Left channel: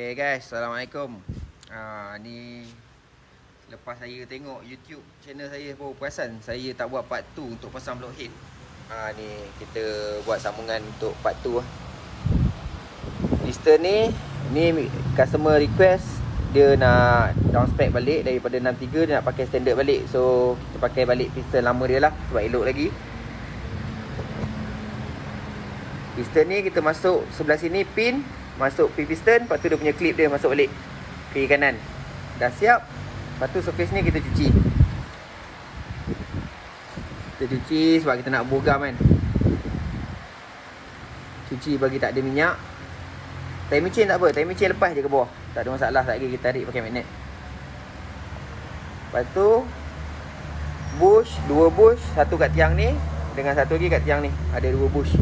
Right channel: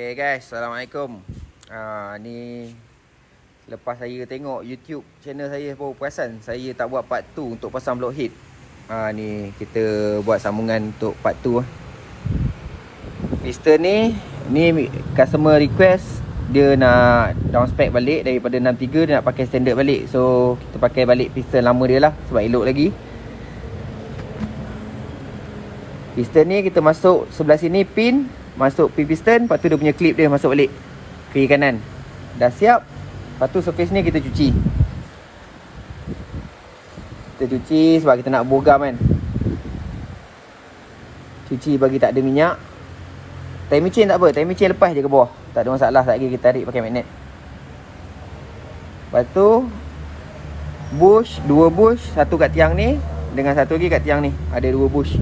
Okay guys, Assalamualaikum. Ni lepas saya tengok YouTube channel saya baru perasan saya tak buat part 2 untuk pasang blockhead. Ni kita buat sambungan untuk part 2. Piston ni customer request dia nak down spec balik daripada 63 dia nak pakai standard balik. So kita pakai balik piston lama dia lah sebab elok lagi. Piston ni kita masuk sebelah sini pin, masuk pin piston, lepas tu dia punya clip dia masuk balik kiri kanan. Dah siap. Lepas tu surface ni kita cuci. Kita cuci sebab kita nak bogam kan. Cuci bagi tak ada minyak. Timing chain tak apa, timing chain lepas je ke bawah. Tak ada masalah, tak lagi kita tarik pakai magnet. Lepas tu bush, 2 bush, satu kat tiang ni dengan satu lagi kat tiang ni. Ada 2 bush.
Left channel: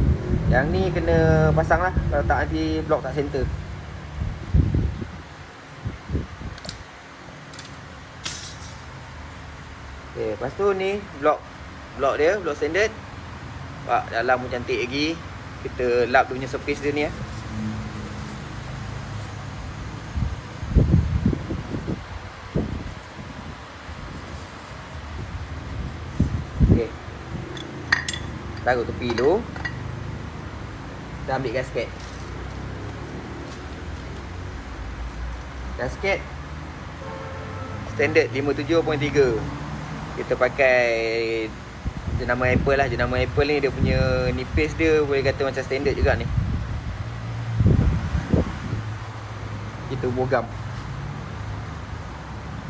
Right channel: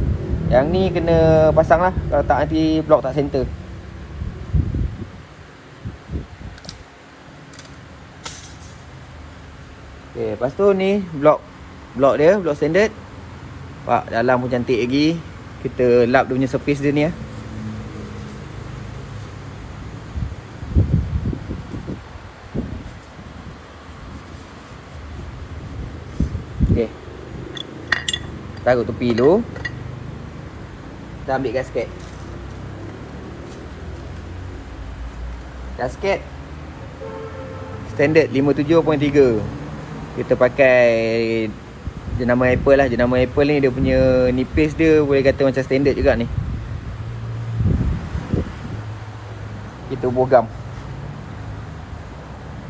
Yang ni kena pasang lah, kalau tak nanti blok tak center. Okay, lepas tu ni blok dia, blok standard. Wah, dalam pun cantik lagi. Kita lap dia punya surface dia ni ya. Okay, taruh tepi dulu. Kita ambil gasket. Gasket standard 57.3. Kita pakai jenama Apple lah. Jenama Apple ni dia punya nipis dia boleh kata macam standard juga ni. Kita bogam.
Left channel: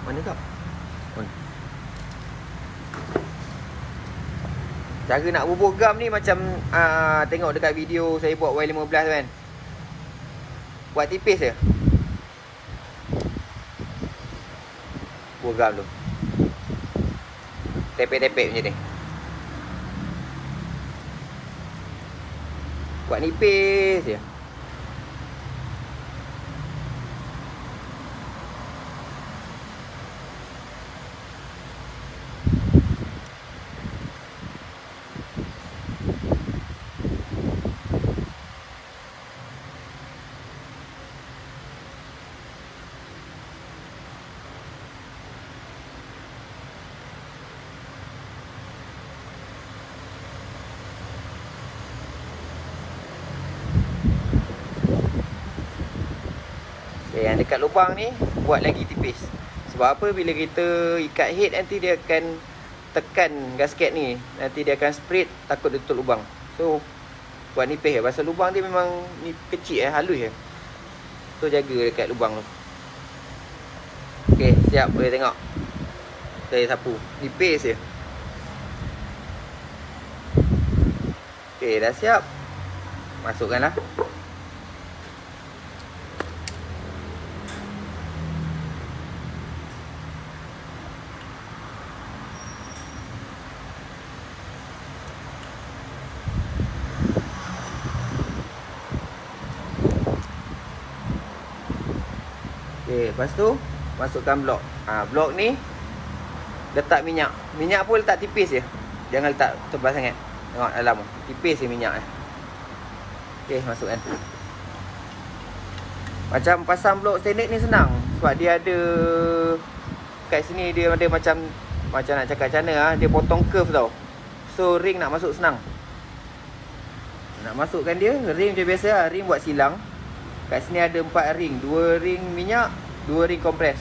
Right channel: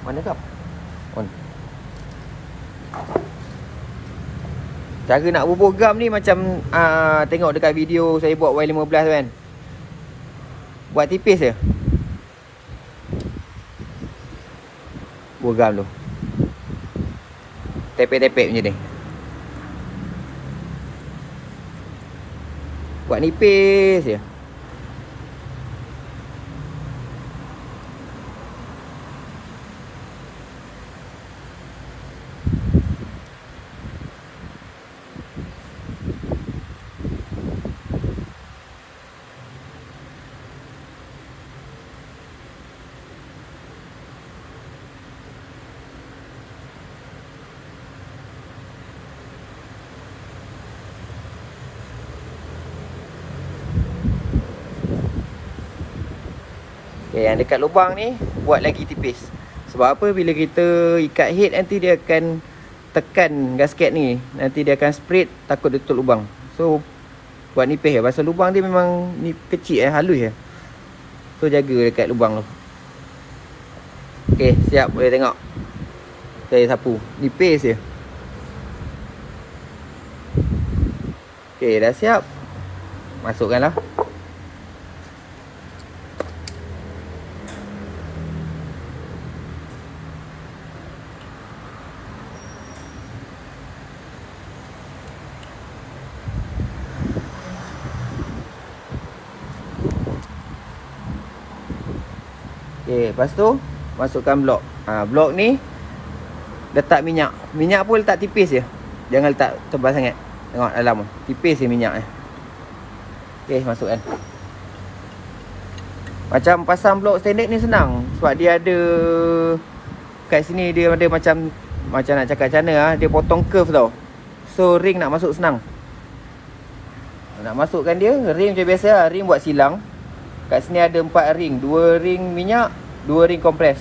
Mana kap? Cara nak bogam ni macam tengok dekat video saya buat Y15 kan. Buat tipis je. Bogam tu. Tepek-tepek macam ni. Buat nipis je. Yang dekat lubang ni buat lagi tipis. Sebab apa? Bila kita ikat head nanti dia akan tekan gasket ni, nanti dia akan spread, takut dia tutup lubang. So buat nipis ya. Pasal lubang dia memang ni kecil halus ya. So jaga dekat lubang tu. Okey, siap boleh tengok. Saya sapu. Nipis je. Okey, dah siap. Masukkanlah. Okay, lepas tu masukkan blok. Blok ni letak minyak. Minyak pun letak tipis je. Jangan letak tebal sangat. Tengok dalam tu. Tipis je minyak. Okay, masukkan. Macam pasang blok standard ni senang. Sebab dia ada kat sini dia ada macam nak cakap macam mana dia potong curve tau. So ring nak masuk senang. Nak masukkan dia, ring macam biasa lah. Ring buat silang. Kat sini ada 4 ring, 2 ring minyak, 2 ring kompres.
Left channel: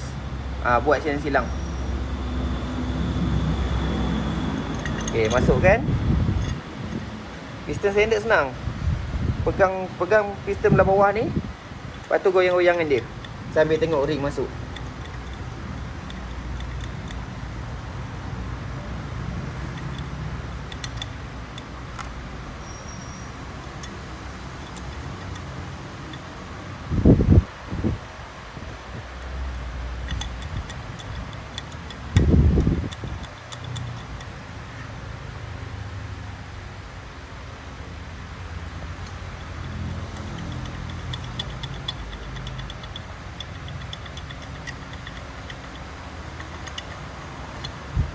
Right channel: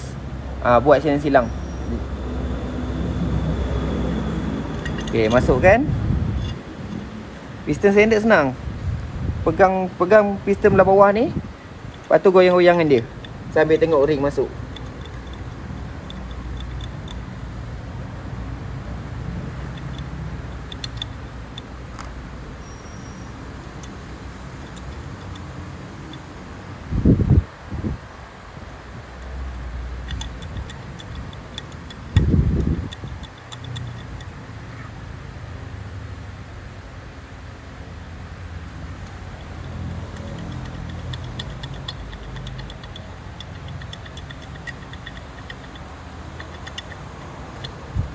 Buat macam silang. Okey, masukkan. Piston standard senang. Pegang piston belah bawah ni. Lepas tu goyang-goyangkan dia sambil tengok ring masuk.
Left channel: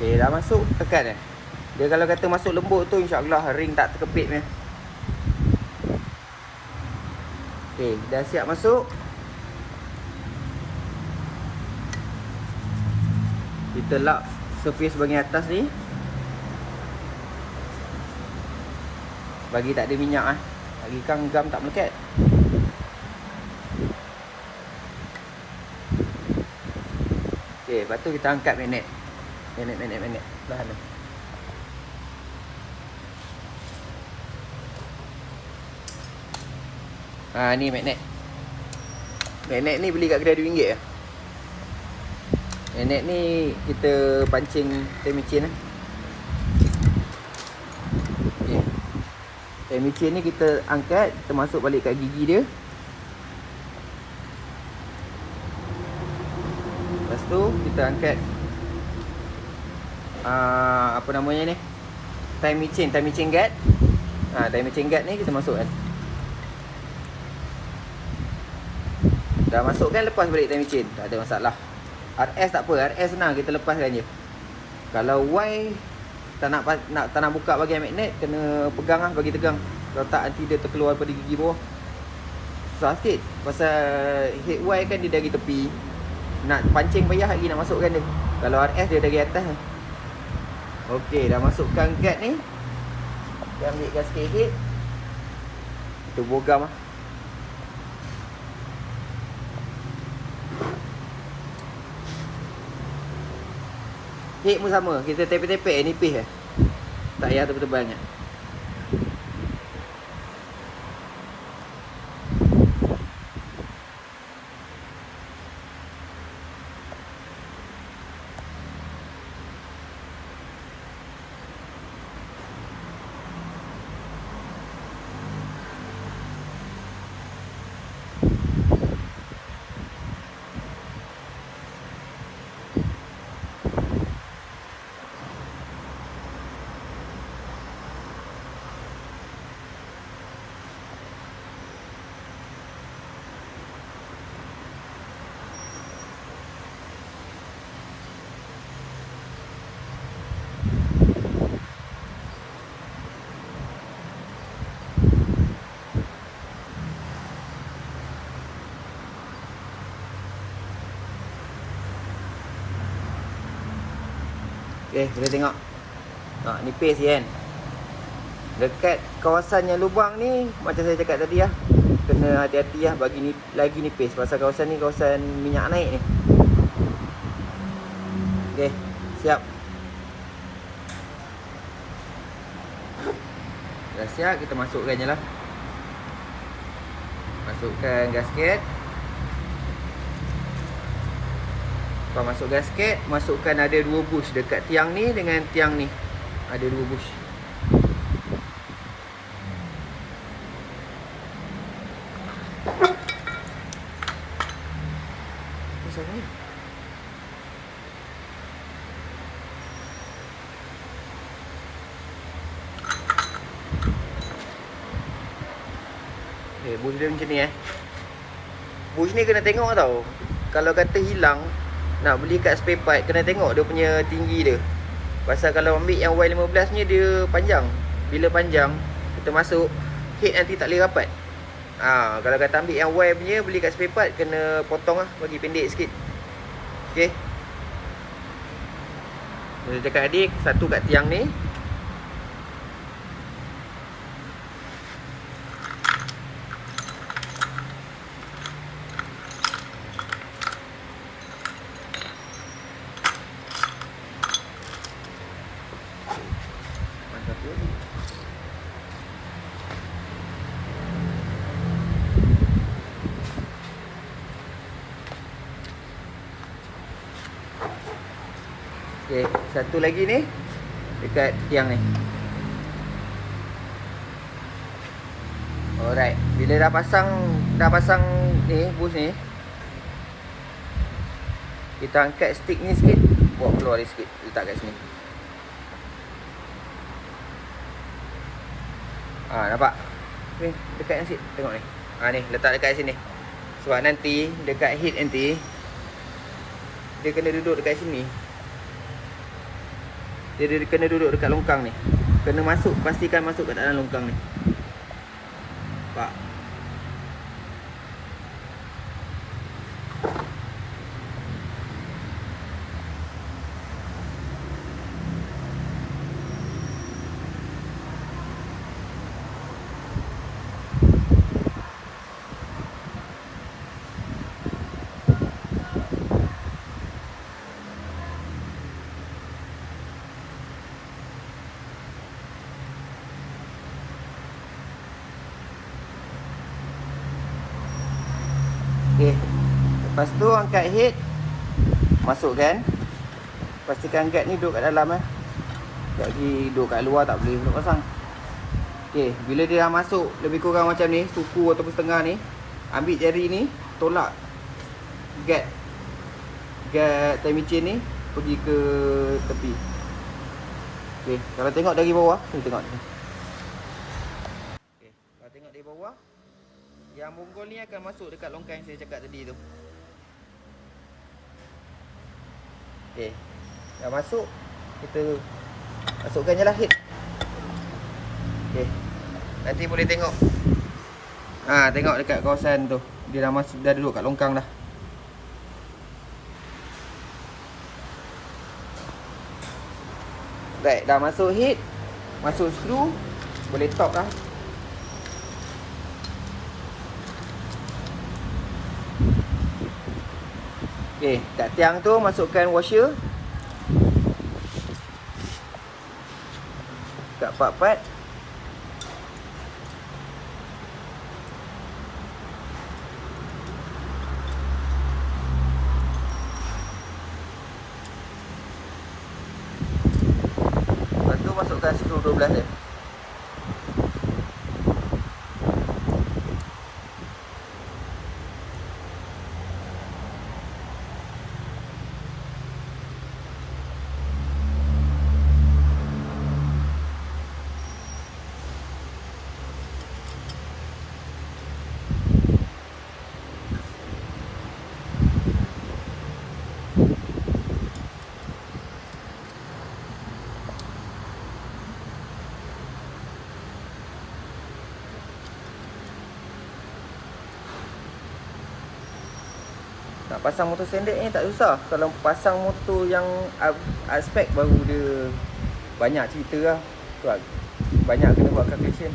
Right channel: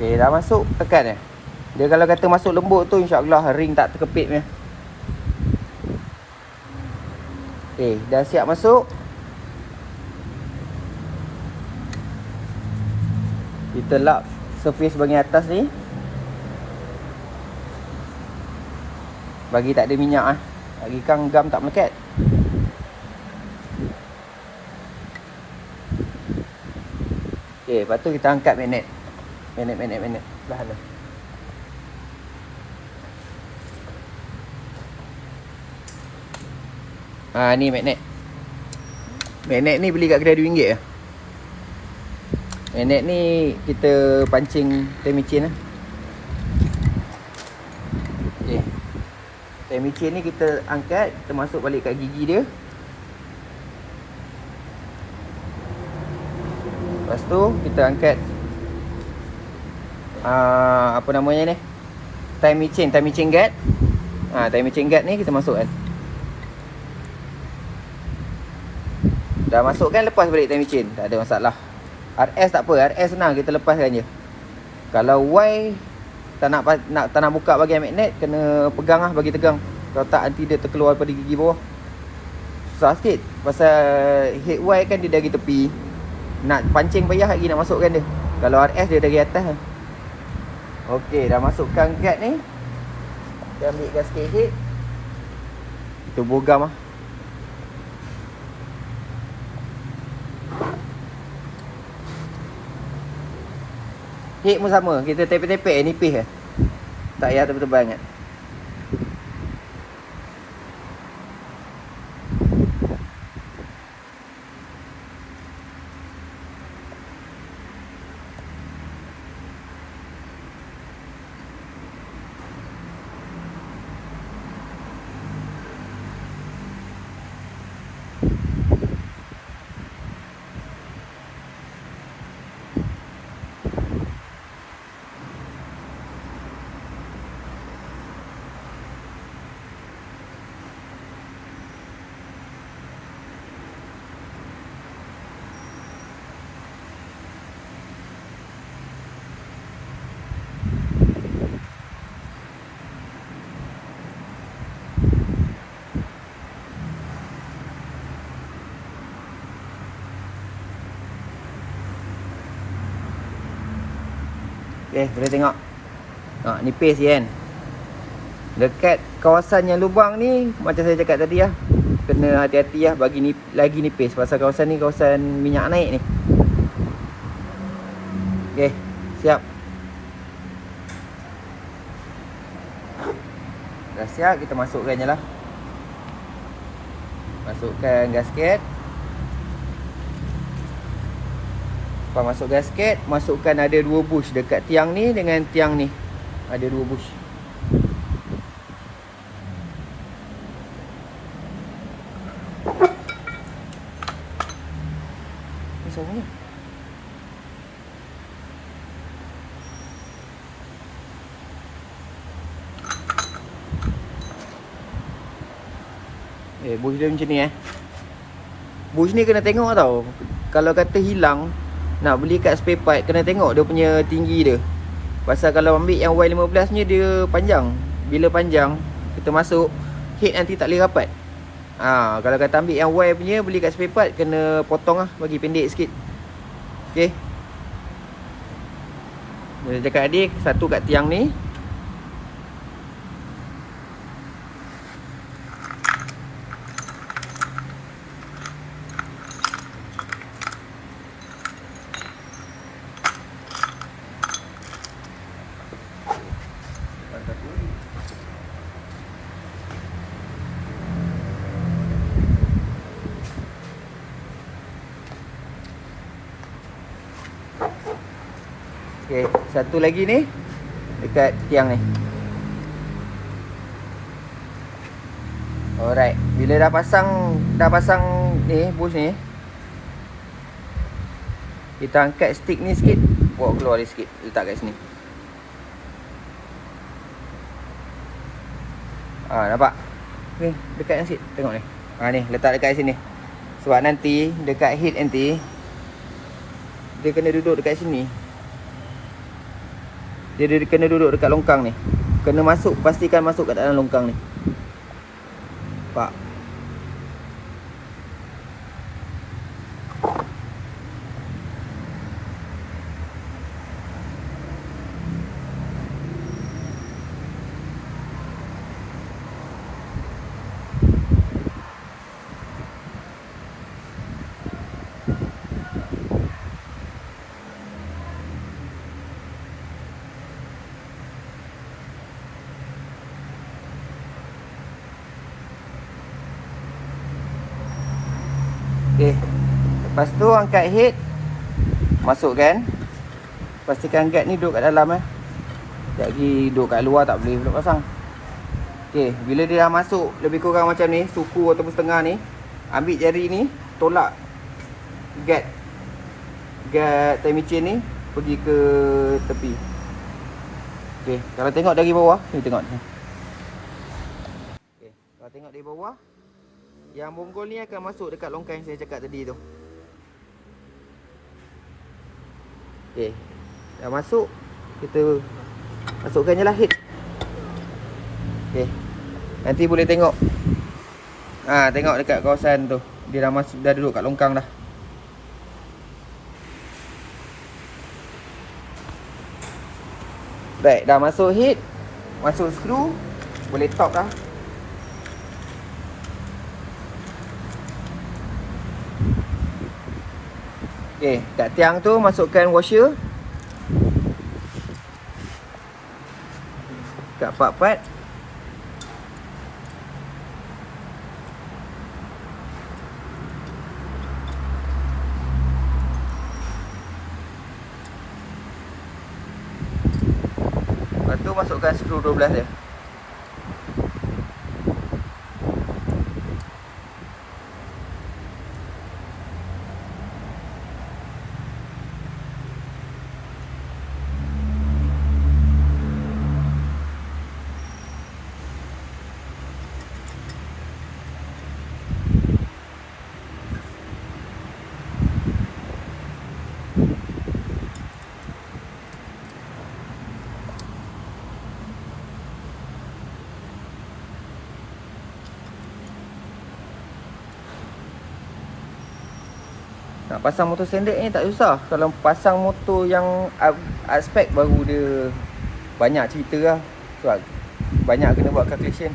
Okay, dah masuk, tekan dia kalau kata masuk lembut tu insya-Allah ring tak terkepit punya. Okey, dah siap masuk. Kita lap surface bahagian atas ni. Bagi tak ada minyak Bagi kan gam tak melekat. Okey, lepas tu kita angkat magnet. Magnet bahan tu. Ni magnet. Magnet ni beli kat kedai RM2 Magnet ni kita pancing teh micin Okay. Teh micin ni kita angkat, kita masuk balik kat gigi dia. Lepas tu kita angkat apa namanya ni? Time micin guard. Time micin guard ni kita masukkan. Dah masukkan, lepas balik time micin, tak ada masalah. RS tak apa, RS senang, kita lepaskan je. Kalau Y tak nak buka bahagian magnet, kena pegang bagi tegang. Kalau tak nanti dia terkeluar pada gigi bawah. Susah sikit. Pasal head Y kan dia dari tepi, nak pancing payah lagi nak masukkan dia. Kalau RS dia dari atas kan. Okey, dah masukkan guard ni. Kita ambil gasket head. Kita bogam Head pun sama, kita tepek-tepek nipis tak payah tebal-tebal sangat. Okay, kita tengok. Nipis kan. Dekat kawasan yang lubang ni, macam saya cakap tadi kena hati-hati bagi lagi nipis. Pasal kawasan ni kawasan minyak naik ni. Okay, siap. Dah siap, kita masukkan je lah. Masukkan gasket. Lepas masuk gasket, masukkan ada 2 bush dekat tiang ni dengan tiang ni. Ada 2 bush. Macam ni. Bush dia macam ni Bush ni kena tengok tau. Kalau kata hilang, nak beli kat spare part, kena tengok dia punya tinggi dia. Pasal kalau ambil yang Y15 ni dia panjang. Bila panjang, kita masuk, head nanti tak boleh rapat. Kalau kata ambil yang Y punya, beli kat spare part, kena potong bagi pendek sikit. Okay. Boleh cakap adik, satu kat tiang ni. Okay, satu lagi ni dekat tiang ni. Alright, bila dah pasang ni bush ni, kita angkat stick ni sikit, bawa keluar dia sikit, letak kat sini. Nampak? Okay, dekat yang sikit, tengok ni. Ni letak dekat sini. Sebab nanti dekat head nanti dia kena duduk dekat sini. Dia kena duduk dekat longkang ni. Kena masuk, pastikan masuk kat dalam longkang ni. Nampak? Lepas tu angkat head, masukkan. Pastikan guard ni duduk kat dalam tak lagi duduk kat luar tak boleh pula pasang. Okey, bila dia dah masuk lebih kurang macam ni, suku ataupun setengah ni, ambil jari ni, tolak guard time chain ni pergi ke tepi. Okey, kalau tengok dari bawah, ni tengok. Okey, kalau tengok dari bawah, yang bonggol ni akan masuk dekat longkang yang saya cakap tadi tu. Okey, dah masuk, kita masukkan je lah head. Okey, nanti boleh tengok. Tengok dekat kawasan tu, dia dah masuk, dah duduk kat longkang dah. Baik, dah masuk head, masuk skru, boleh top dah. Okey, kat tiang tu masukkan washer. Kat part-part. Lepas tu masukkan skru 12 dia. Nak pasang motor standard ni tak susah. Kalau pasang motor yang aspek baru dia banyak cerita lah. Sebab banyak kena buat calculation.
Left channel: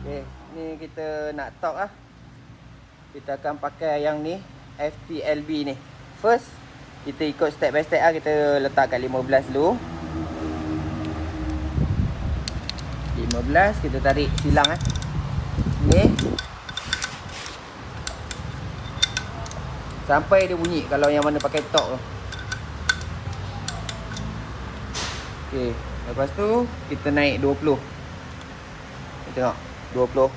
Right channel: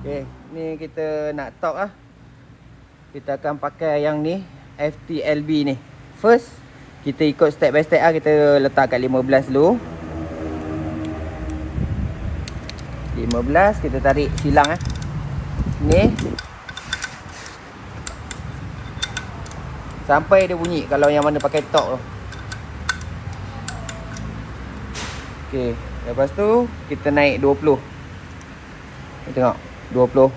Okay, ni kita nak torque lah. Kita akan pakai yang ni, FTLB ni. First, kita ikut step by step lah. Kita letak kat 15 dulu. 15, kita tarik silang ni sampai dia bunyi kalau yang mana pakai torque tu. Okey, lepas tu kita naik 20. Tengok, 20.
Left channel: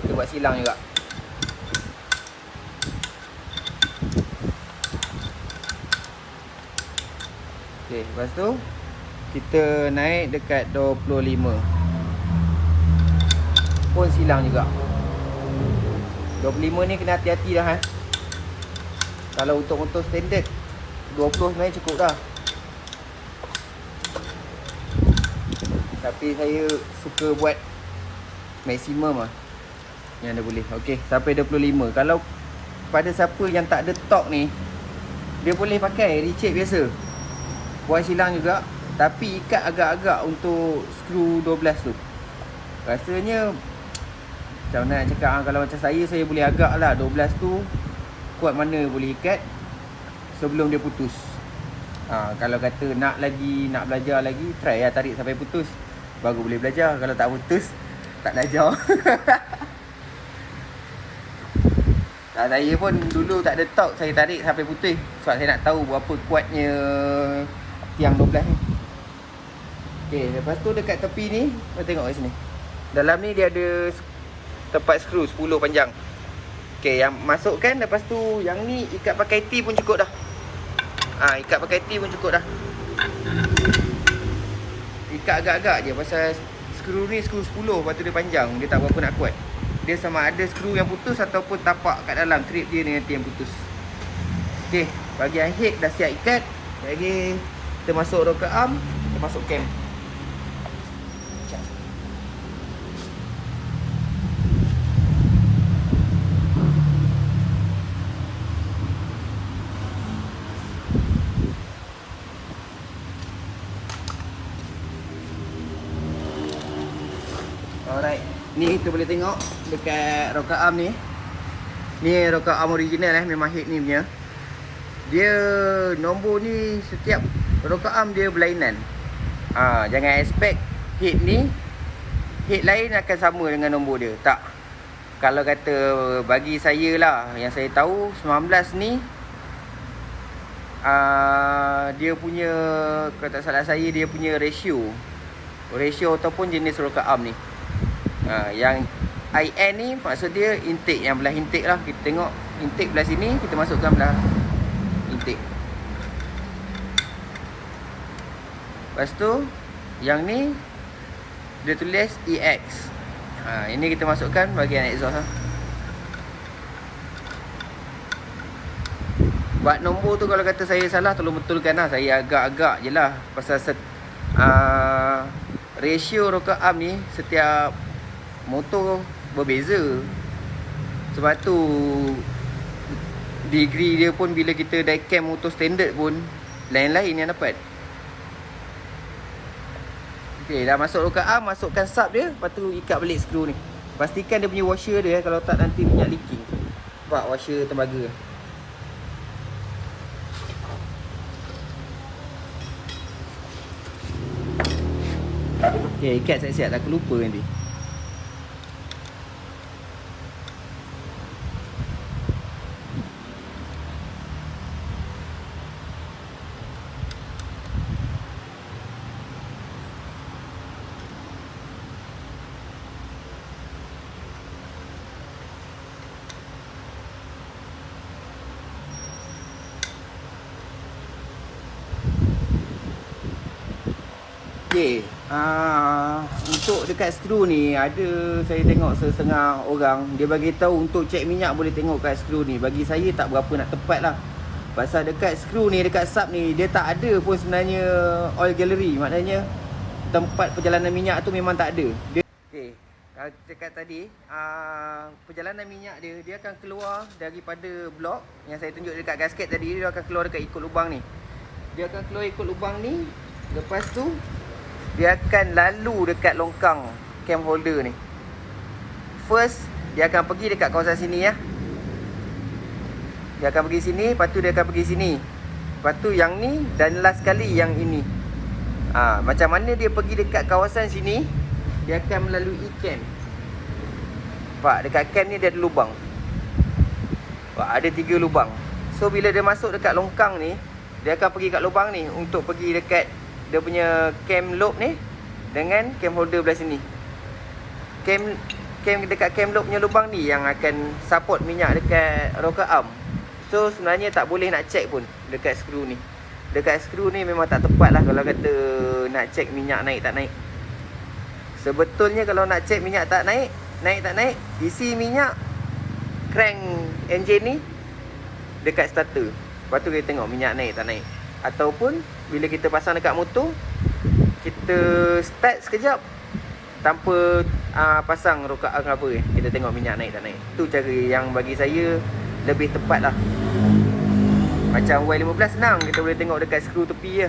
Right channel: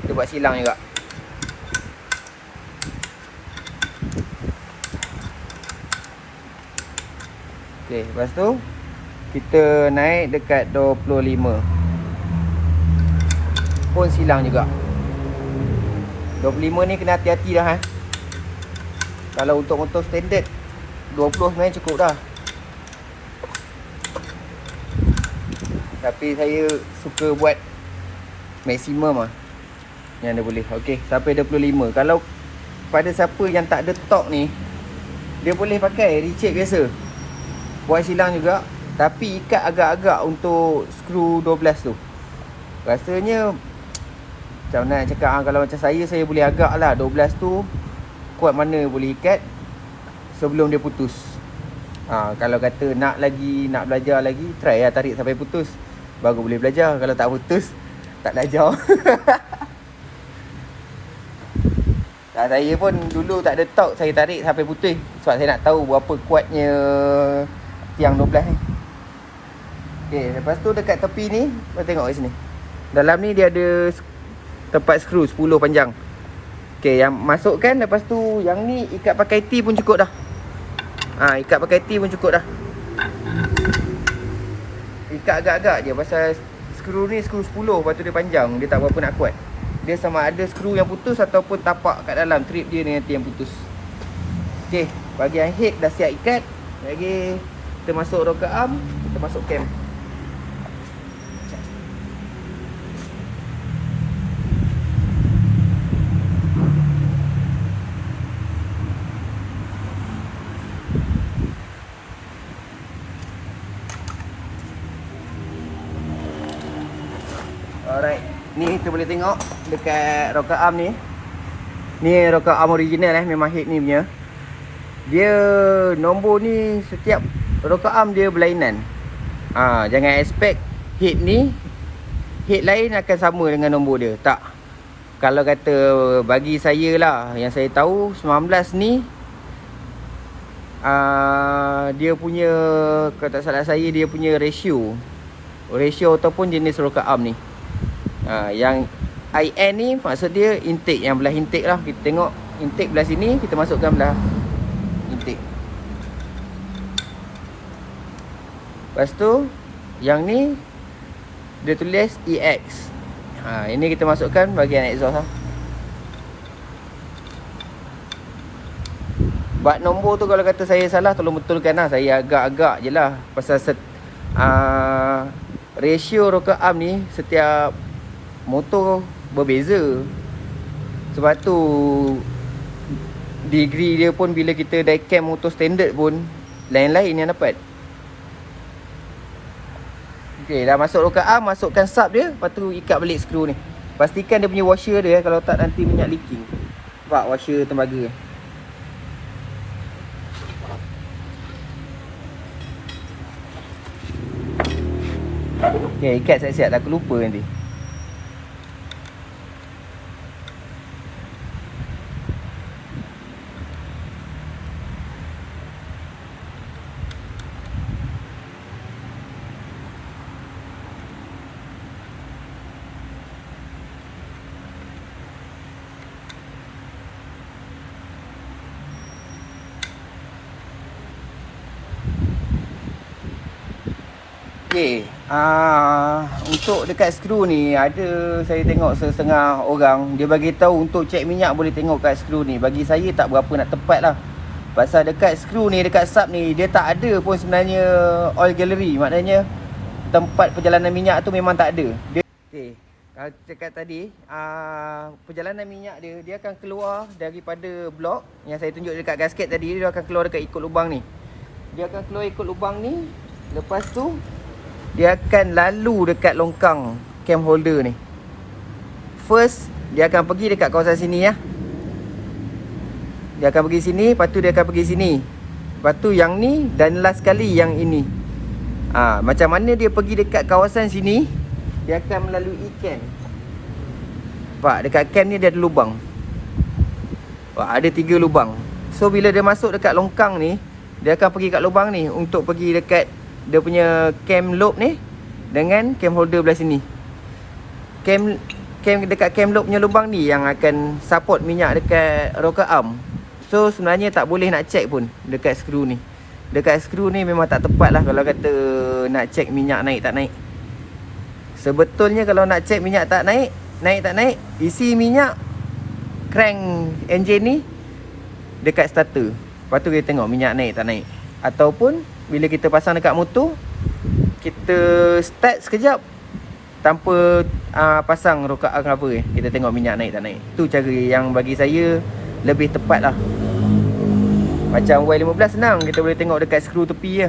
Kita buat silang juga. Okey, lepas tu kita naik dekat 25. Pun silang juga. 25 ni kena hati-hati dah Kalau untuk motor standard 20 sebenarnya cukup dah. Tapi saya suka buat maksimum yang dia boleh. Okey, sampai 25. Kalau pada siapa yang tak ada torque ni, dia boleh pakai ratchet biasa. Buat silang juga. Tapi ikat agak-agak untuk skru 12 tu. Rasanya macam nak cakap kalau macam saya boleh agak lah 12 tu kuat mana boleh ikat sebelum dia putus. Kalau kata nak belajar lagi, try lah tarik sampai putus, baru boleh belajar. Kalau tak putus, tak belajar. Saya pun dulu tak ada torque, saya tarik sampai putus sebab saya nak tahu berapa kuatnya tiang 12 ni. Okey, lepas tu dekat tepi ni, kita tengok kat sini. Dalam ni dia ada tempat skru 10 panjang. Okey, yang masukkan, lepas tu yang ni ikat pakai T pun cukup dah. Ikat pakai T pun cukup dah. Ikat agak-agak je pasal skru ni skru 10, lepas tu dia panjang, dia tak berapa nak kuat. Dia sama ada skru yang putus ataupun tapak kat dalam, trip dia dengan T yang putus. Okey, bahagian head dah siap ikat. Lagi kita masuk rocker arm, kita masuk cam. Alright, ni kita boleh tengok dekat rocker arm ni. Ni rocker arm original memang head ni punya. Dia nombor ni setiap rocker arm dia berlainan. Jangan expect head ni, head lain akan sama dengan nombor dia. Tak. Kalau kata bagi saya lah, yang saya tahu 19 ni dia punya, kalau tak salah saya, dia punya ratio ataupun jenis rocker arm ni. Yang IN ni maksud dia intake, yang belah intake lah. Kita tengok intake belah sini, kita masukkan belah intake. Lepas tu yang ni dia tulis EX. Ini kita masukkan bahagian exhaust lah. Bab nombor tu kalau kata saya salah, tolong betulkan lah. Saya agak-agak je lah. Pasal ratio rocker arm ni setiap motor berbeza. Sebab tu degree dia pun bila kita diecam motor standard pun lain-lain yang dapat. Okay, dah masuk rocker arm, masukkan sub dia. Lepas tu ikat balik skru ni. Pastikan dia punya washer dia, kalau tak nanti minyak leaking. Nampak washer tembaga. Okay, ikat siap-siap, takut lupa nanti. Okay, untuk dekat skru ni ada, saya tengok setengah orang dia bagi tahu untuk cek minyak boleh tengok kat skru ni. Bagi saya tak berapa nak tepat lah. Pasal dekat skru ni, dekat sub ni, dia tak ada pun sebenarnya oil gallery. Maknanya tempat perjalanan minyak tu memang tak ada. Okay, dekat tadi perjalanan minyak dia akan keluar daripada blok yang saya tunjuk dekat gasket tadi. Dia akan keluar dekat ikut lubang ni. Dia akan keluar ikut lubang ni. Lepas tu dia akan lalu dekat longkang cam holder ni. First, dia akan pergi dekat kawasan sini ya. Dia akan pergi sini, lepas tu dia akan pergi sini. Lepas tu yang ni, dan last kali yang ini. Macam mana dia pergi dekat kawasan sini, dia akan melalui cam. Nampak, dekat cam ni dia ada lubang. Ada 3 lubang. So bila dia masuk dekat longkang ni, dia akan pergi kat lubang ni untuk pergi dekat dia punya cam lobe ni dengan cam holder belah sini. Cam dekat cam lobe punya lubang ni yang akan support minyak dekat rocker arm. So sebenarnya tak boleh nak check pun dekat skru ni. Dekat skru ni memang tak tepat lah kalau kata nak check minyak naik tak naik. Sebetulnya kalau nak check minyak tak naik tak naik, isi minyak crank engine ni dekat starter. Lepas tu kita tengok minyak naik tak naik. Ataupun bila kita pasang dekat motor, kita start sekejap tanpa pasang rocker arm apa, kita tengok minyak naik tak naik. Tu cara yang bagi saya lebih tepat lah. Macam Y15 senang, kita boleh tengok dekat skru tepi je.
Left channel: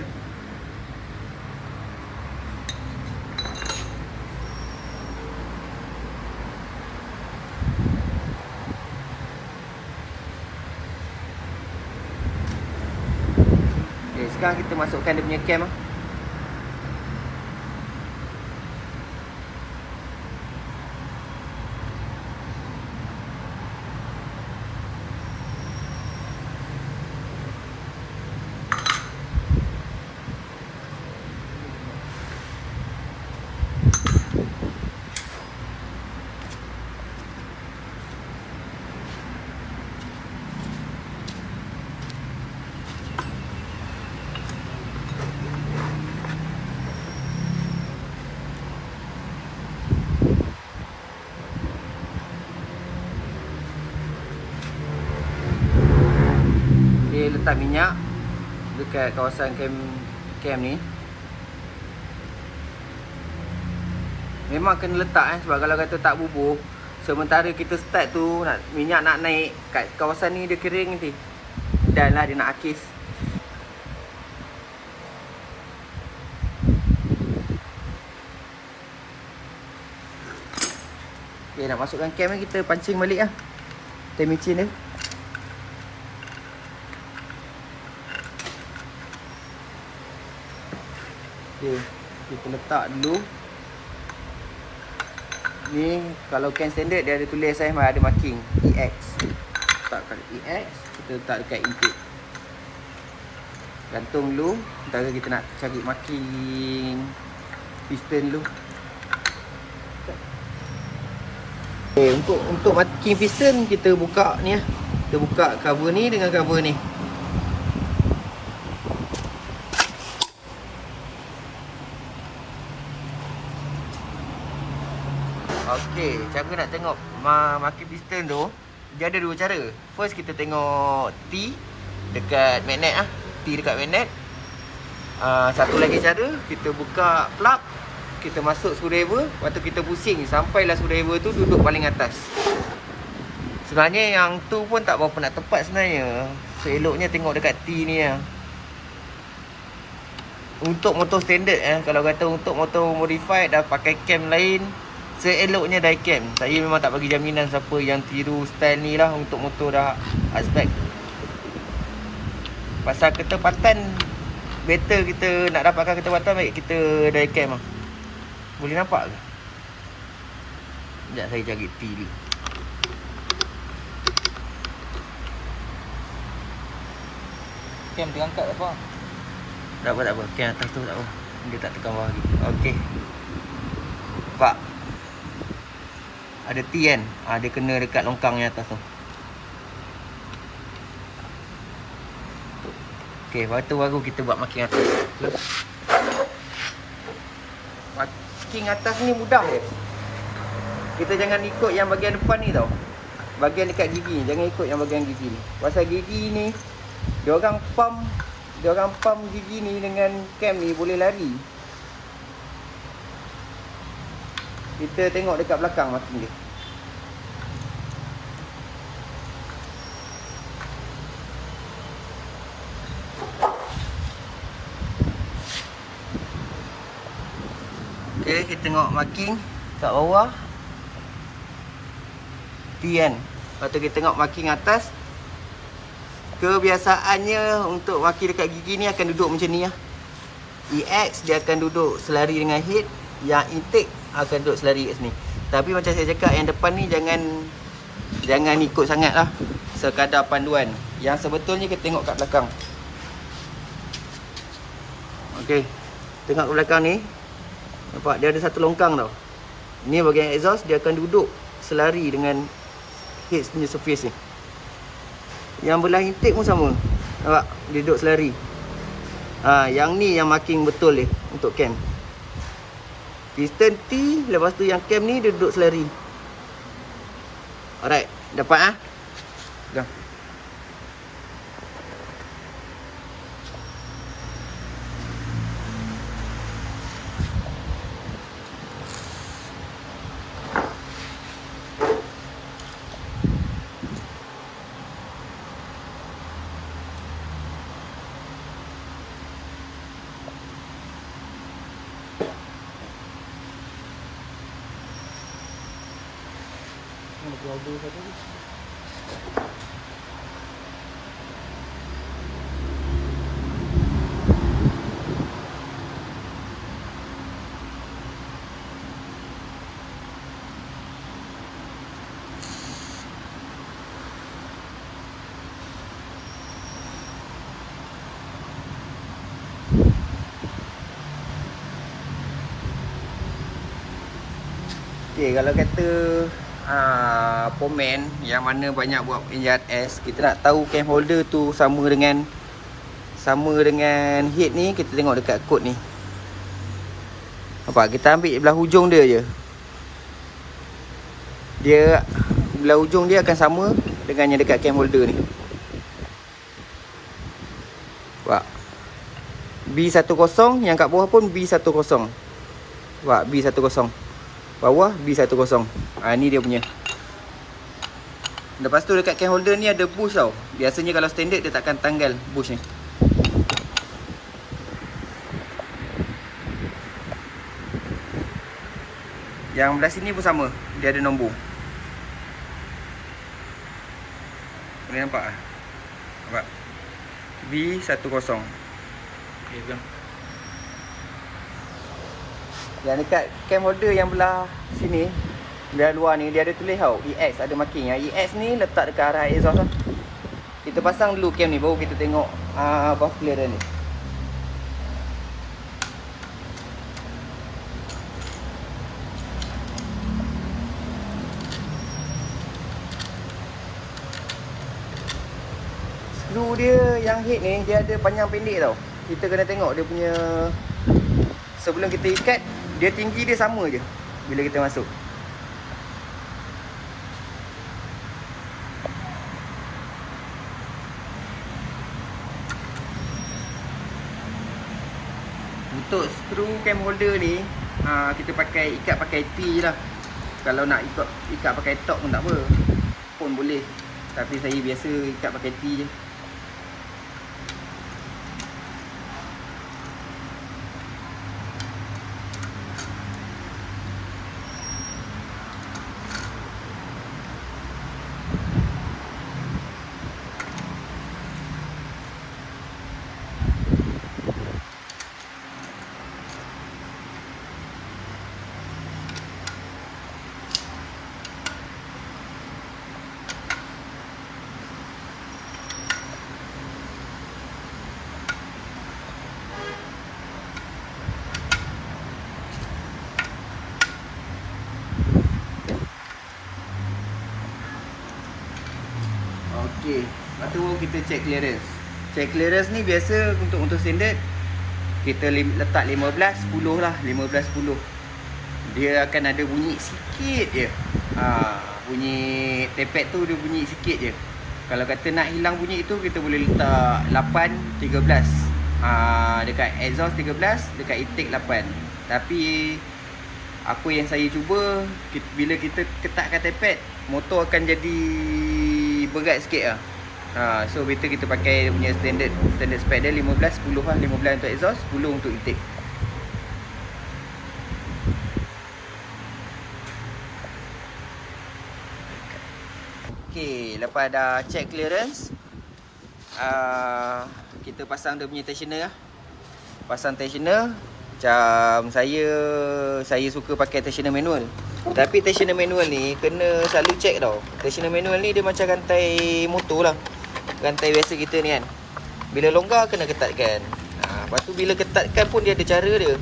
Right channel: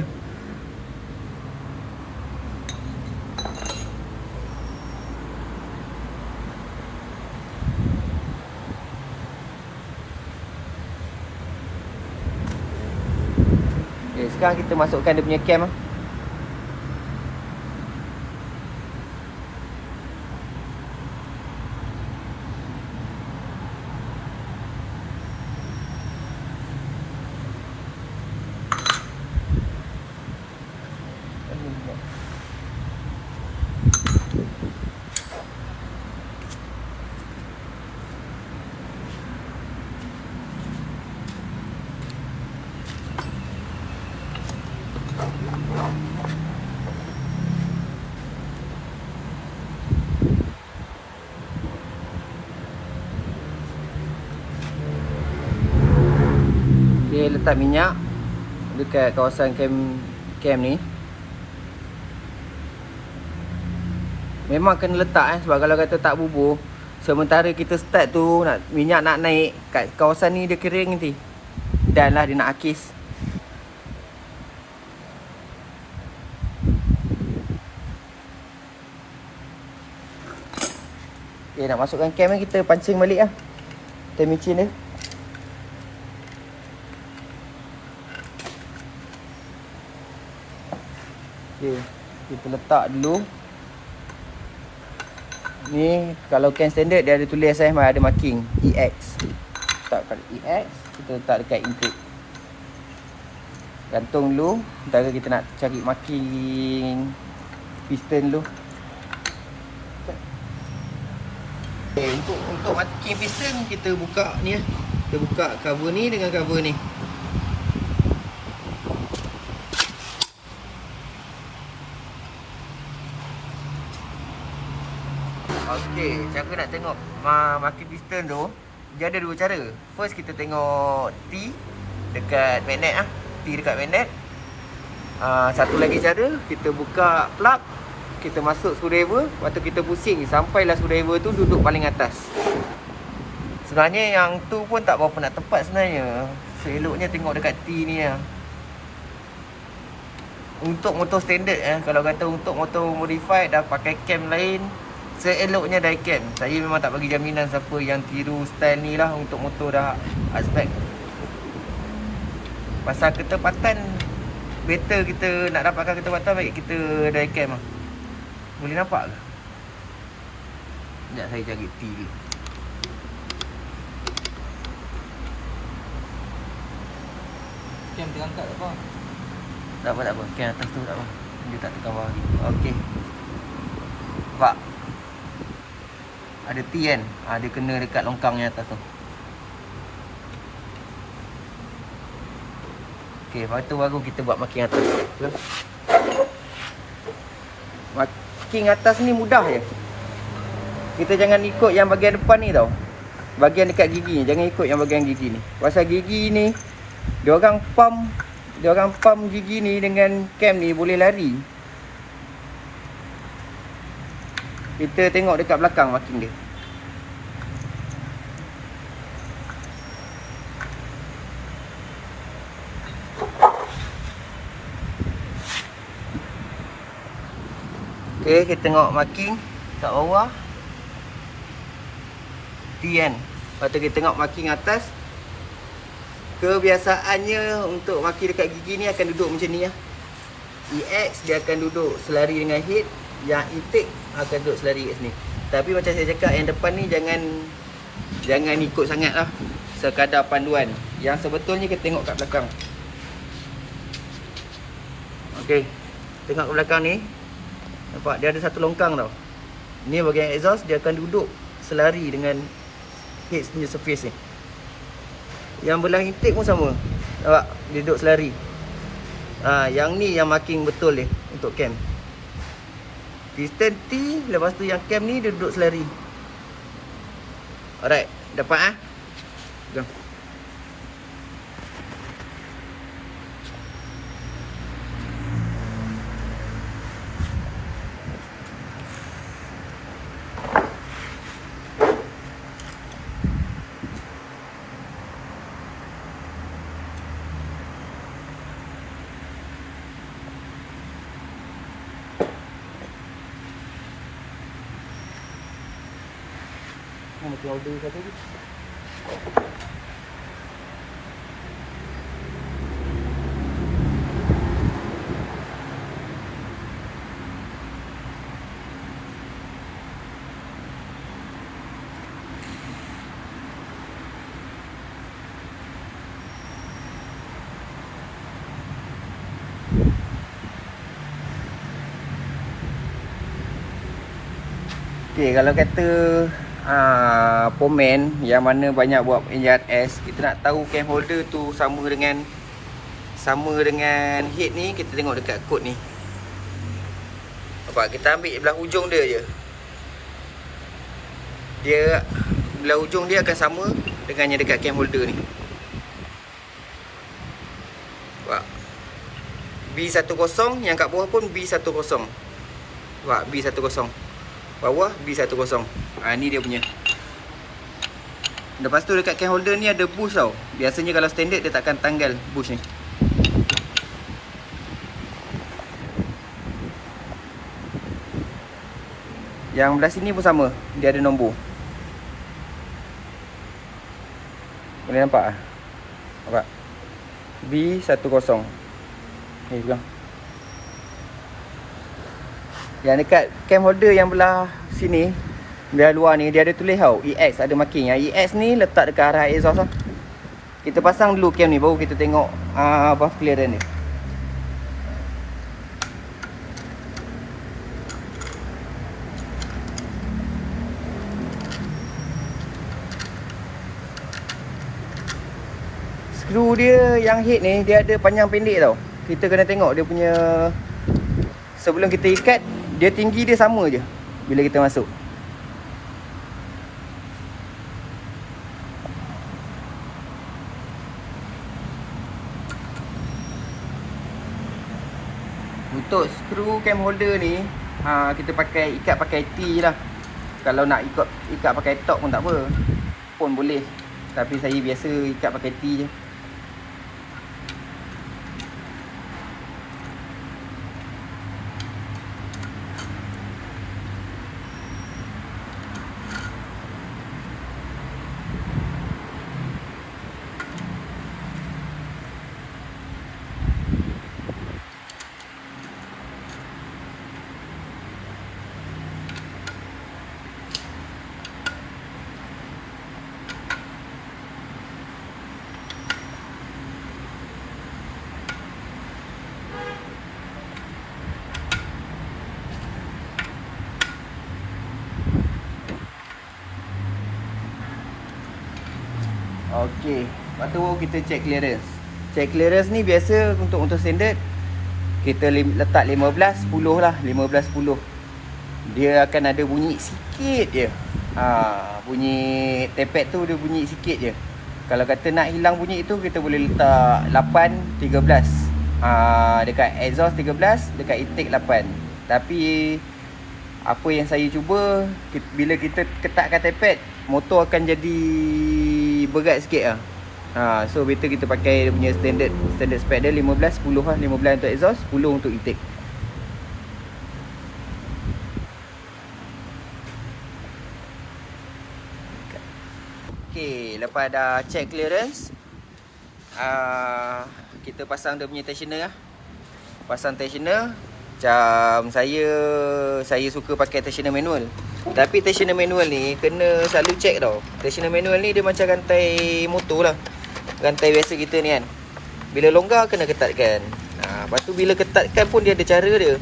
Okay, sekarang kita masukkan dia punya cam lah. Letak minyak dekat kawasan cam ni. Memang kena letak sebab kalau kata tak bubuh, sementara kita start tu minyak nak naik kat kawasan ni, dia kering nanti. Dan lah dia nak akis. Okay, nak masukkan cam ni, kita pancing balik lah time micin dia. Okey, kita letak dulu. Ni kalau can standard dia ada tulis ada marking EX. Letak kat EX, kita letak dekat intake. Gantung dulu. Ntar kita nak cari marking piston dulu. Okay, untuk marking piston kita buka ni lah. Kita buka cover ni dengan cover ni. Okey, cara nak tengok marking piston tu, dia ada dua cara. First kita tengok T dekat magnet ah. T dekat magnet. Satu lagi cara, kita buka plug, kita masuk screwdriver, lepas tu kita pusing sampailah screwdriver tu duduk paling atas. Sebenarnya yang tu pun tak berapa nak tepat sebenarnya. Seeloknya tengok dekat T ni lah. Untuk motor standard kalau kata untuk motor modified dah pakai cam lain, seeloknya diecam. Saya memang tak bagi jaminan siapa yang tiru style ni lah untuk motor dah aspek. Pasal ketepatan, better kita nak dapatkan ketepatan, baik kita diecam lah. Boleh nampak ke? Sekejap saya cari T ni. Cam terangkat tak apa? Tak apa. Cam atas tu tak apa. Dia tak tekan bawah lagi. Okey. Nampak? Ada T kan? Dia kena dekat longkang yang atas tu. Okey, lepas tu baru kita buat marking atas. Marking atas ni mudah je. Kita jangan ikut yang bahagian depan ni tau. Bahagian dekat gigi, jangan ikut yang bahagian gigi ni. Pasal gigi ni dia orang pump gigi ni dengan cam ni boleh lari. Kita tengok dekat belakang marking dia. Okey, kita tengok marking kat bawah T kan. Lepas tu kita tengok marking atas. Kebiasaannya untuk marking dekat gigi ni akan duduk macam ni lah. EX dia akan duduk selari dengan head. Yang intake akan duduk selari kat sini. Tapi macam saya cakap, yang depan ni jangan ikut sangat lah. Sekadar panduan. Yang sebetulnya kita tengok kat belakang. Okey, tengok kat belakang ni. Nampak dia ada satu longkang tau. Ni bahagian exhaust, dia akan duduk selari dengan head punya surface ni. Yang belah intake pun sama. Nampak? Dia duduk selari. Yang ni yang marking betul dia untuk cam. Piston T, lepas tu yang cam ni dia duduk selari. Alright, dapat Pegang. Mana tu order satu ni? Okay, kalau kata Pomen yang mana banyak buat engine S, kita nak tahu cam holder tu sama dengan head ni, kita tengok dekat kod ni. Nampak? Kita ambil belah hujung dia je. Dia belah hujung dia akan sama dengan yang dekat cam holder ni. Nampak? B10, yang kat bawah pun B10. Nampak? B10. Bawah B10. Ni dia punya. Lepas tu dekat cam holder ni ada bush tau. Biasanya kalau standard dia takkan tanggal bush ni. Yang belah sini pun sama. Dia ada nombor. Boleh nampak? Nampak? B10. Okay, pegang. Yang dekat cam holder yang belah sini, belah luar ni, dia ada tulis tau EX, ada marking. Yang EX ni letak dekat arah exhaust tau. Kita pasang dulu cam ni, baru kita tengok buff clearance ni. Skru dia yang head ni, dia ada panjang pendek tau. Kita kena tengok dia punya, sebelum kita ikat, dia tinggi dia sama je bila kita masuk. Untuk skru cam holder ni, kita ikat pakai T je lah. Kalau nak ikat pakai top pun tak apa, pun boleh. Tapi saya biasa ikat pakai T je. Okey, lepas tu kita check clearance. Check clearance ni biasa untuk standard kita letak 15 10 lah, 15 10. Dia akan ada bunyi sikit je. Bunyi tepet tu dia bunyi sikit je. Kalau kata nak hilang bunyi itu, kita boleh letak 8 13. Dekat exhaust 13, dekat intake 8. Tapi apa yang saya cuba, bila kita ketatkan tepet, motor akan jadi berat sikit lah. So better kita pakai dia punya standard spec dia 15 10 lah. 15 untuk exhaust, 10 untuk intake. Okay, lepas dah check clearance, kita pasang dia punya tensioner lah. Pasang tensioner. Macam saya suka pakai tensioner manual. Tapi tensioner manual ni kena selalu check tau. Tensioner manual ni dia macam rantai motor lah, rantai biasa kita ni kan. Bila longgar kena ketatkan. Lepas tu bila ketatkan pun dia ada cara dia.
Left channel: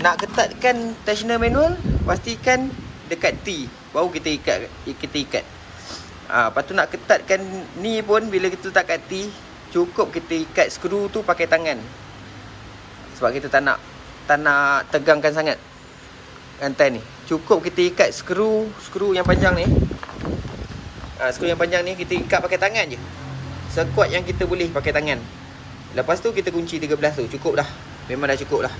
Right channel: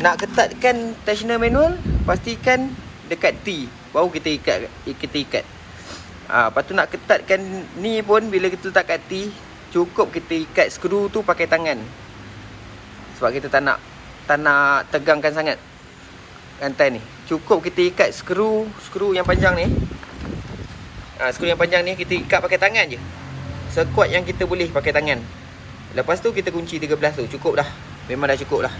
Nak ketatkan tensioner manual, pastikan dekat T, baru kita ikat. Lepas tu nak ketatkan ni pun, bila kita letak kat T, cukup kita ikat skru tu pakai tangan. Sebab kita tak nak tegangkan sangat rantai ni. Cukup kita ikat skru yang panjang ni. Skru yang panjang ni kita ikat pakai tangan je, sekuat yang kita boleh pakai tangan. Lepas tu kita kunci 13 tu, cukup dah. Memang dah cukup dah.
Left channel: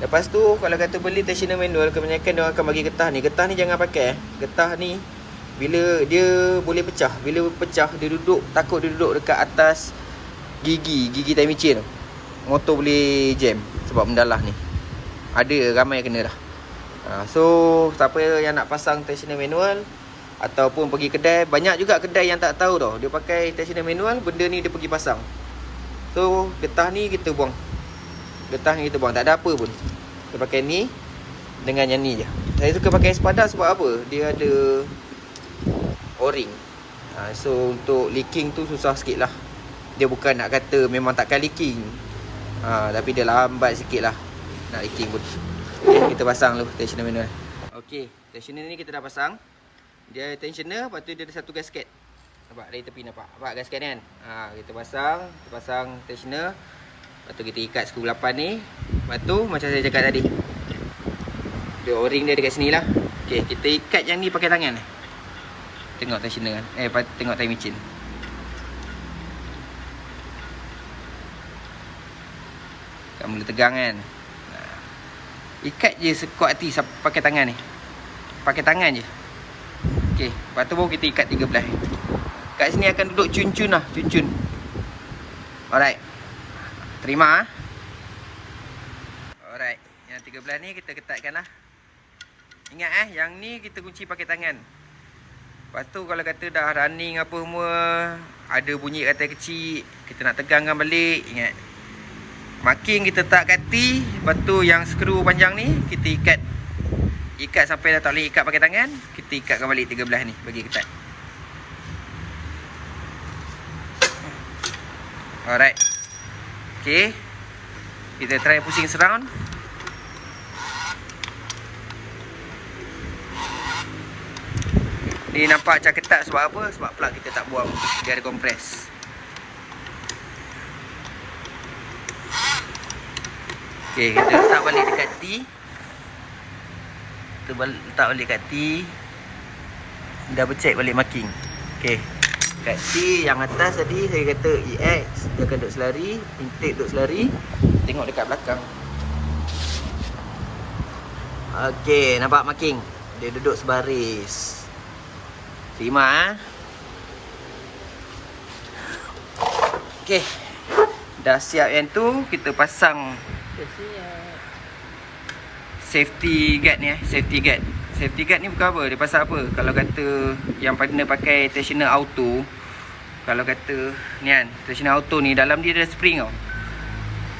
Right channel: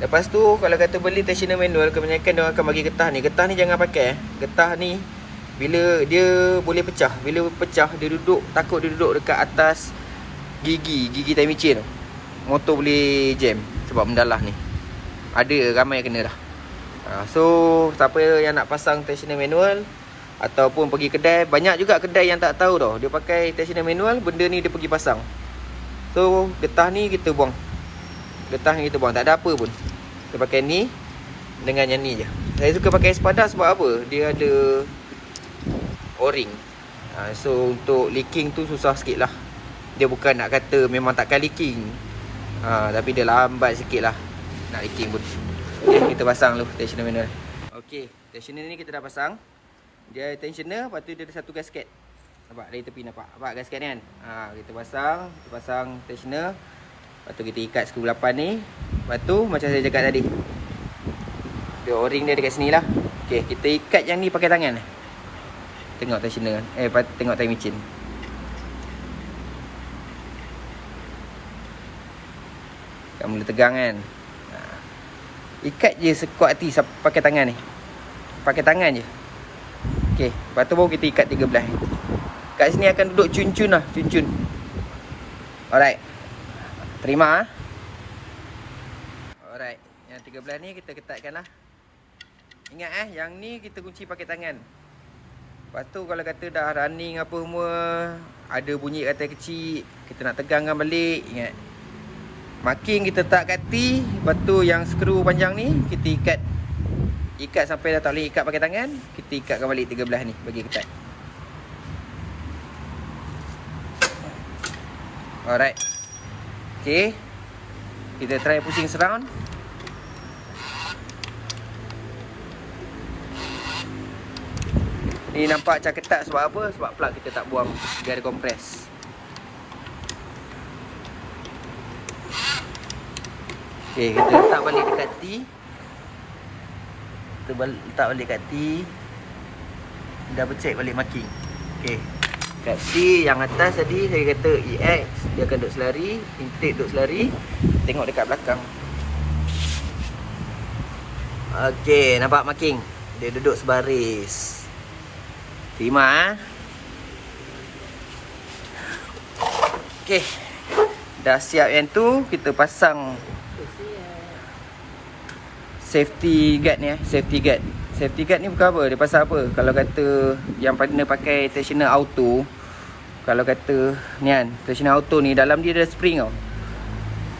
Lepas tu kalau kata beli tensioner manual, kebanyakan dia akan bagi getah ni. Getah ni jangan pakai. Getah ni bila dia boleh pecah. Bila pecah dia takut dia duduk dekat atas gigi time micin tu, motor boleh jam sebab mendalah ni. Ada ramai yang kena dah. So siapa yang nak pasang tensioner manual ataupun pergi kedai, banyak juga kedai yang tak tahu tau, dia pakai tensioner manual, benda ni dia pergi pasang. So getah ni kita buang. Tak ada apa pun. Kita pakai ni dengan yang ni je. Saya suka pakai Espada sebab apa? Dia ada O-ring. So untuk leaking tu susah sikit lah. Dia bukan nak kata memang takkan leaking, tapi dia lambat sikit lah nak leaking pun. Okay, kita pasang dulu tensioner manual. Okay, tensioner ni kita dah pasang. Dia tensioner, lepas tu dia ada satu gasket. Nampak dari tepi, nampak gasket ni kan. Kita pasang tensioner. Lepas tu kita ikat skru 8 ni. Lepas tu macam saya cakap tadi, dia O-ring dia dekat sini lah. Okay, kita ikat yang ni pakai tangan. Tengok tensioner kan, tengok time micin. Kan mula tegang kan. Ikat je sekuat hati pakai tangan ni. Pakai tangan je. Okay, lepas tu baru kita ikat 13. Kat sini akan duduk cun-cun lah, cun-cun. Alright. Terima. Alright, yang 13 ni kita ketatkan lah. Ingat yang ni kita kunci pakai tangan. Lepas tu kalau kata dah running apa semua, ada bunyi rantai kecil, kita nak tegangkan balik, ingat Marking kita letak kat T. Lepas tu yang skru panjang ni kita ikat sampai dah tak boleh ikat pakai tangan. Kita ikatkan balik 13 ni bagi ketat. Alright. Okay, kita try pusing surround. Ni nampak macam ketat sebab apa? Sebab plug kita tak buang. Dia ada kompres. Okay, kita letak balik dekat T. Kita letak balik kat T. Double check balik marking. Okay, kat T yang atas tadi saya kata EX, dia akan duduk selari. Intake duduk selari. Tengok dekat belakang. Okay, nampak marking? Dia duduk sebaris. Terima. Okay, dah siap yang tu. Kita pasang safety guard ni safety guard. Safety guard ni bukan apa, dia pasal apa? Kalau kata yang partner pakai tensioner auto, kalau kata ni kan, tensioner auto ni dalam dia ada spring tau.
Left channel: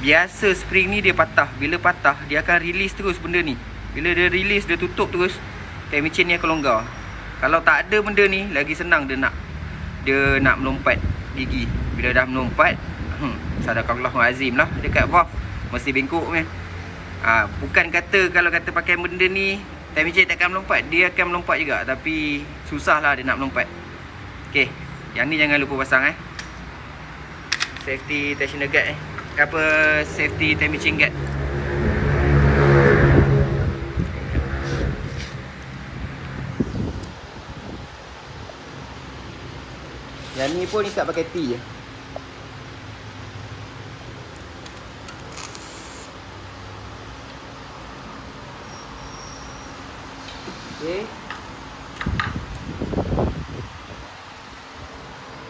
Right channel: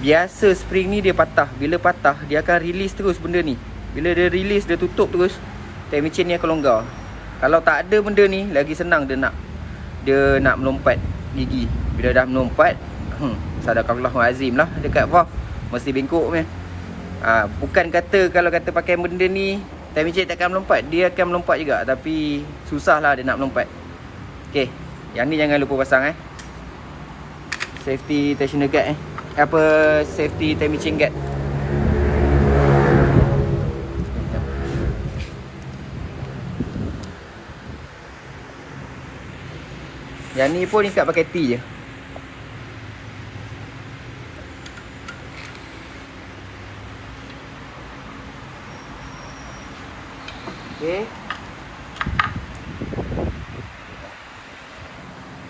Biasa spring ni dia patah. Bila patah dia akan release terus benda ni. Bila dia release, dia tutup terus, timing chain ni akan longgar. Kalau tak ada benda ni, lagi senang dia nak melompat gigi. Bila dah melompat, sadaqallahul azim lah dekat valve, mesti bengkok punya. Bukan kata kalau kata pakai benda ni timing chain takkan melompat, dia akan melompat juga, tapi susah lah dia nak melompat. Okay, yang ni jangan lupa pasang safety tensioner guard safety timing chain guard. Yang ni pun ikat pakai T je. Okay.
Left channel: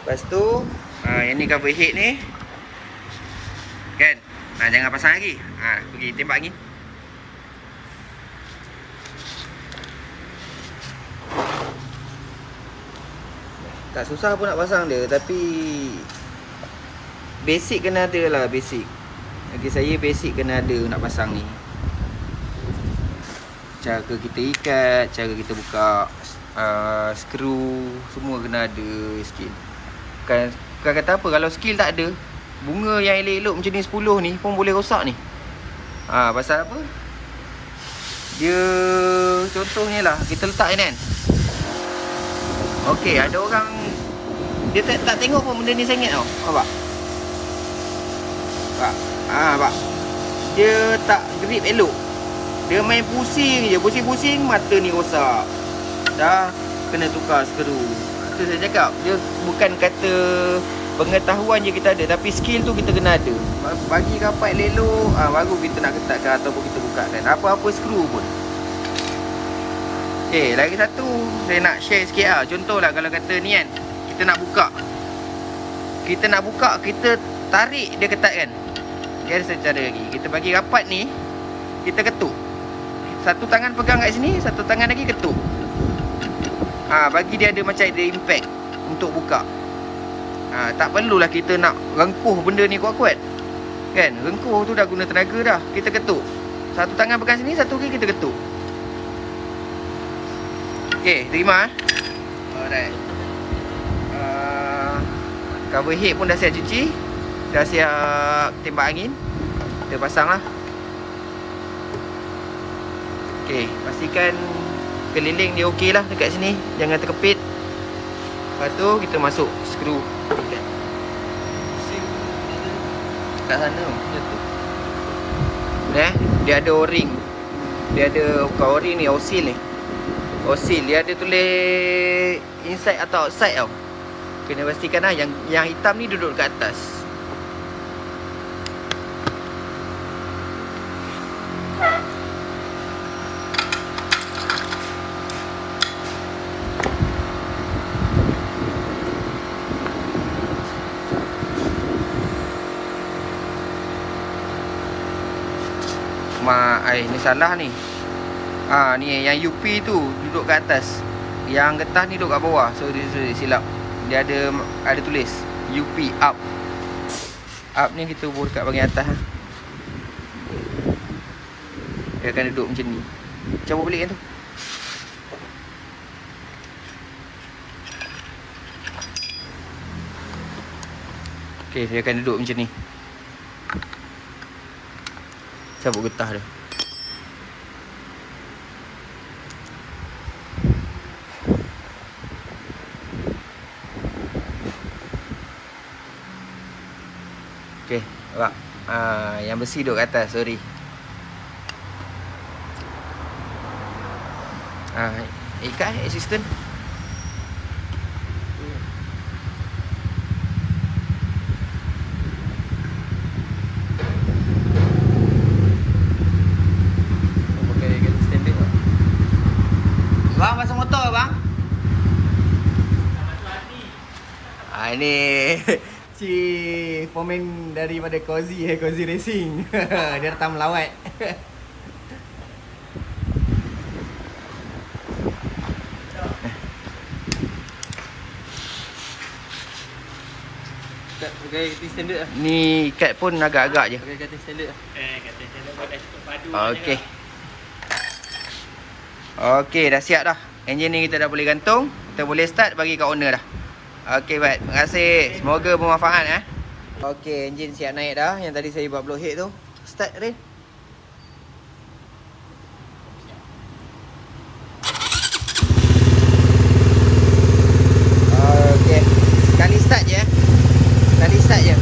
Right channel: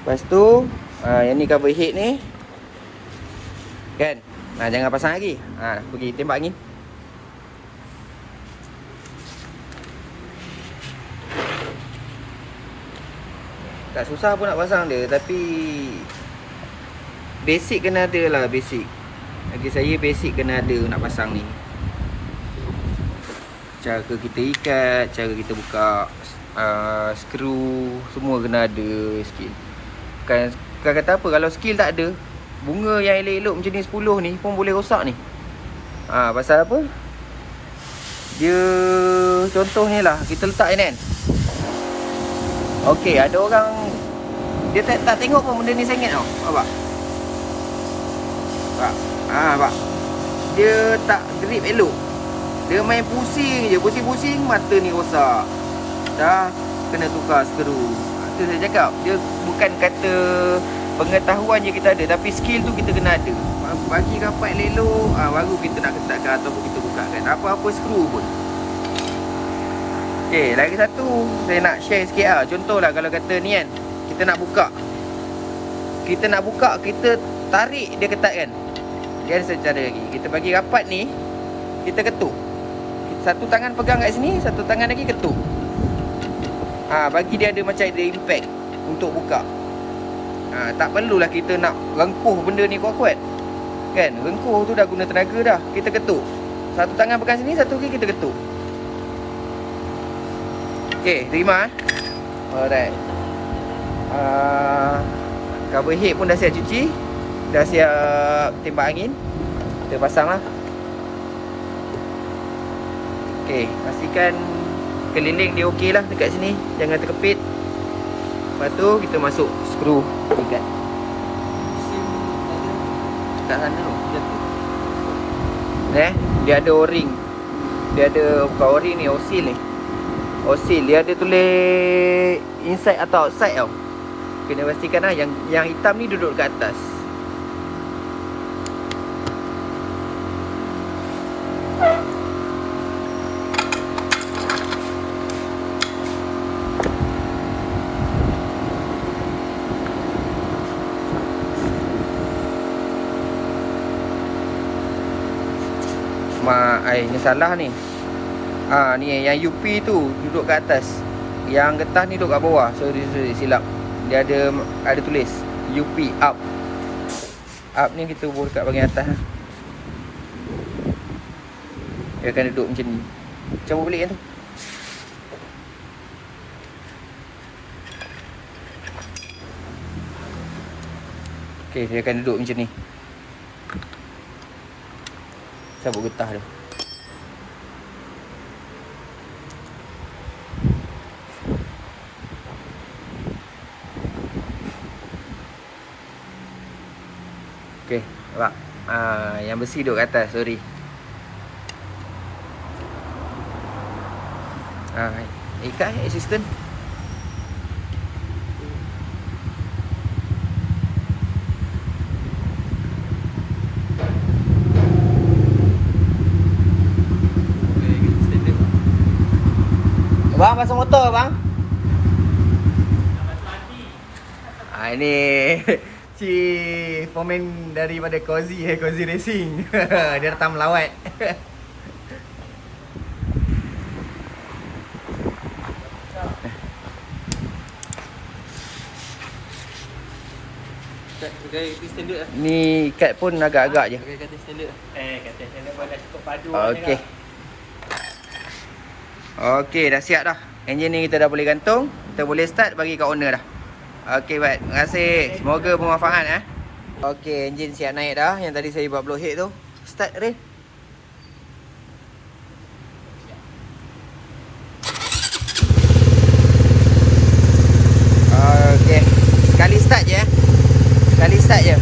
Lepas tu yang ni cover head ni kan, jangan pasang lagi. Pergi tembak angin. Tak susah pun nak pasang dia, tapi basic kena ada lah, basic. Bagi saya basic kena ada nak pasang ni. Cara kita ikat, cara kita buka skru, semua kena ada skill. Bukan kata apa, kalau skill tak ada, bunga yang elok-elok macam ni 10 ni pun boleh rosak ni. Pasal apa? Dia contohnya lah, kita letak ni kan. Okey, ada orang dia tak tengok pun benda ni sangat tau. Nampak? Nampak? Dia tak grip elok. Dia main pusing je, pusing-pusing, mata ni rosak. Dah kena tukar skru. Tu saya cakap, dia bukan kata pengetahuan je kita ada, tapi skill tu kita kena ada. Bagi rapat elok, baru kita nak ketatkan ataupun kita bukakan apa-apa skru pun. Okay, lagi satu saya nak share sikit lah. Contohlah kalau kata ni kan, kita nak buka, kita tarik dia ketat kan. Dia ada satu cara lagi. Kita bagi rapat ni, kita ketuk. Satu tangan pegang kat sini, satu tangan lagi ketuk. Bagi dia ada macam ada impact untuk buka. Tak perlulah kita nak rengkuh benda ni kuat-kuat. Kan, rengkuh tu dah guna tenaga dah. Kita ketuk. Satu tangan pegang sini, satu lagi kita ketuk. Okay, terima. Alright. Cover head pun dah siap cuci. Dah siap tembak angin. Kita pasang lah. Okay, pastikan keliling dia okey lah dekat sini. Jangan terkepit. Lepas tu kita masuk skru kat sana tu. Dia ada o-ring. Dia ada, bukan o-ring ni, o-seal ni. O-seal, dia ada tulis inside atau outside tau. Kena pastikan lah yang hitam ni duduk kat atas. Ni salah ni. Ni yang UP tu duduk kat atas, yang getah ni duduk kat bawah. So silap. Dia ada tulis UP up. Up ni kita buat dekat bahagian atas. Dia akan duduk macam ni. Cabut balik yang tu. Okey, dia akan duduk macam ni. Cabut getah dia. Okey, nampak? Yang besi duduk kat atas, sorry. Ikat assistant. Bang, pasang motor bang. Ini si foreman daripada Cozy Racing. Dia datang melawat. Ni kat pun agak-agak je. Kata standard. Kata standard pun dah cukup padu. Okey. Okey, dah siap dah. Enjin ni kita dah boleh gantung. Kita boleh start bagi kat owner dah. Okey, baik. Terima kasih. Semoga bermanfaat Okey, enjin siap naik dah. Yang tadi saya buat blowhead tu. Start, Rin. Okey. Sekali start je. Sekali start je.